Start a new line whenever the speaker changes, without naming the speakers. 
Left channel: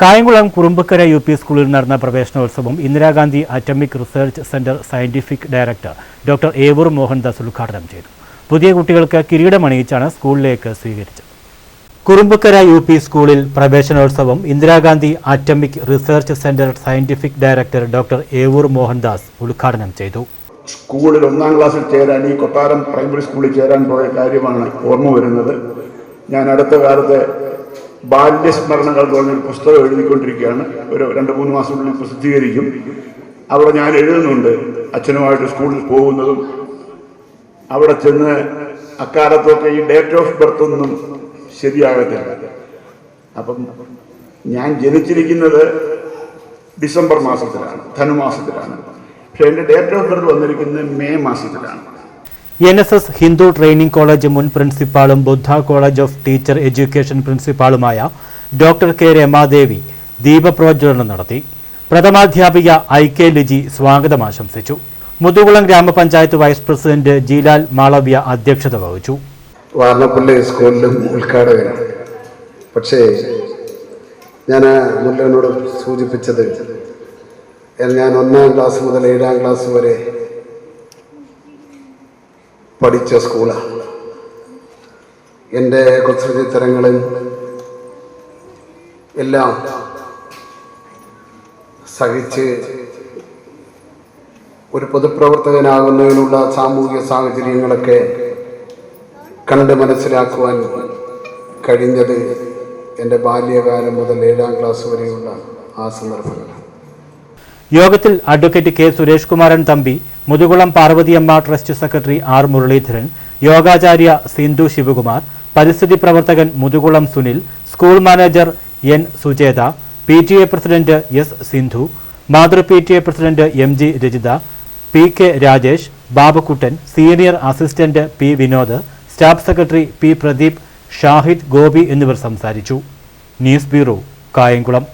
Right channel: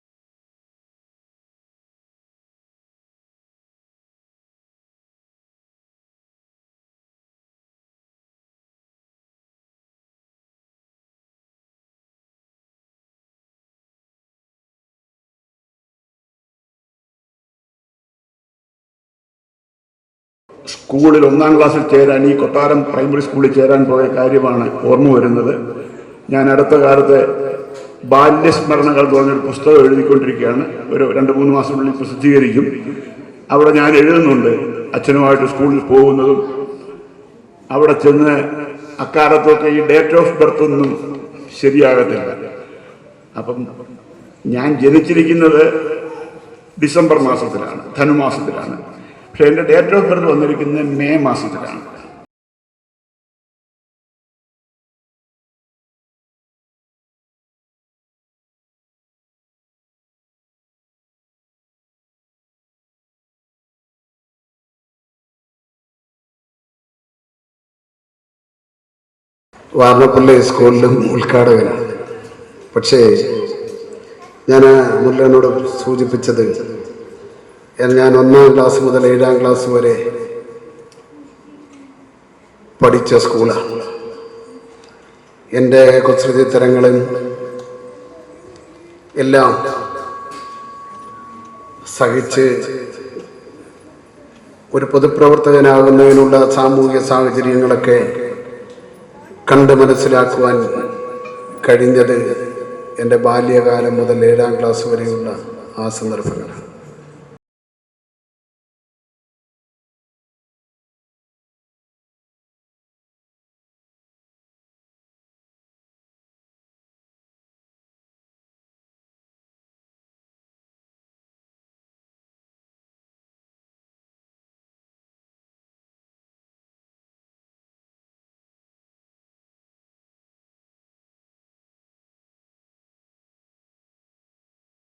Kayamkulam കുറുമ്പക്കര U P സ്കൂളിൽ നടന്ന പ്രവേശനോത്സവം Indira Gandhi atomic research centre scientific director doctor Evoor Mohandas ഉദ്ഘാടനം ചെയ്തു. പുതിയ കുട്ടികൾക്ക് കിരീടമണിയിച്ചാണ് സ്കൂളിലേക്ക് സ്വീകരിച്ചത്. കുറുമ്പക്കര യു പി സ്കൂളിൽ പ്രവേശനോത്സവം Indira Gandhi atomic research centre scientific director doctor Evoor Mohandas ഉദ്ഘാടനം ചെയ്തു.
സ്കൂളിൽ ഒന്നാം ക്ലാസ്സിൽ ചേരാൻ ഈ കൊട്ടാരം പ്രൈമറി സ്കൂളിൽ ചേരാൻ പോയ കാര്യമാണ് ഓർമ്മ വരുന്നത്. ഞാൻ അടുത്ത കാലത്ത് ബാല്യസ്മരണകൾ എന്ന് പറഞ്ഞൊരു പുസ്തകം എഴുതിക്കൊണ്ടിരിക്കുകയാണ്. ഒരു രണ്ട് മൂന്ന് മാസത്തിനുള്ളിൽ പ്രസിദ്ധീകരിക്കും. അവിടെ ഞാൻ എഴുതുന്നുണ്ട്. അച്ഛനുമായിട്ട് സ്കൂളിൽ പോകുന്നതും അവിടെ ചെന്ന് അക്കാലത്തൊക്കെ ഈ ഡേറ്റ് ഓഫ് ബർത്ത് ഒന്നും ശരിയാകത്തില്ല. അപ്പം ഞാൻ ജനിച്ചിരിക്കുന്നത് ഡിസംബർ മാസത്തിലാണ് ധനുമാസത്തിലാണ്. പക്ഷെ എന്റെ ഡേറ്റ് ഓഫ് ബർത്ത് വന്നിരിക്കുന്നത് മെയ് മാസത്തിലാണ്.
N S S Hindu training college മുൻ പ്രിൻസിപ്പാളും Buddha college of teacher education പ്രിൻസിപ്പാളുമായ doctor K Ramadevi ദീപപ്രോജ്വലനം നടത്തി. പ്രഥമാധ്യാപിക ഐ കെ ലിജി സ്വാഗതം ആശംസിച്ചു. മുതുകുളം ഗ്രാമപഞ്ചായത്ത് വൈസ് പ്രസിഡന്റ് ജീലാൽ മാളവ്യ അധ്യക്ഷത വഹിച്ചു.
സ്കൂളിലും ഉദ്ഘാടകനാണ് പക്ഷേ ഞാൻ മുല്ലനോട് സൂചിപ്പിച്ചത് ഞാൻ ഒന്നാം ക്ലാസ് മുതൽ ഏഴാം ക്ലാസ് വരെ പഠിച്ച സ്കൂളാണ് എന്റെ കുസൃതി തരങ്ങളും എല്ലാം സഹിച്ച് ഒരു പൊതുപ്രവർത്തകനാകുന്നതിനുള്ള സാമൂഹിക സാഹചര്യങ്ങളൊക്കെ കണ്ട് മനസ്സിലാക്കുവാൻ കഴിഞ്ഞത് എന്റെ ബാല്യകാലം മുതൽ ഏഴാം ക്ലാസ് വരെയുള്ള ആ സന്ദർഭങ്ങളാണ്.
യോഗത്തിൽ advocate K Suresh Kumaran Thampi Muthukulam Parvathiyamma trust secretary R Muralidharan യോഗാചാര്യ Sindhu Sivakumar പരിസ്ഥിതി പ്രവർത്തകൻ Muthukulam Sunil school manager N Sucheta P T A president S Sindhu മാതൃ P T A president M G Rajitha P K Rajesh Babakuttan senior assistant P Vinod staff secretary P Pradeep Shahid Gopi എന്നിവർ സംസാരിച്ചു. News bureau Kayamkulam.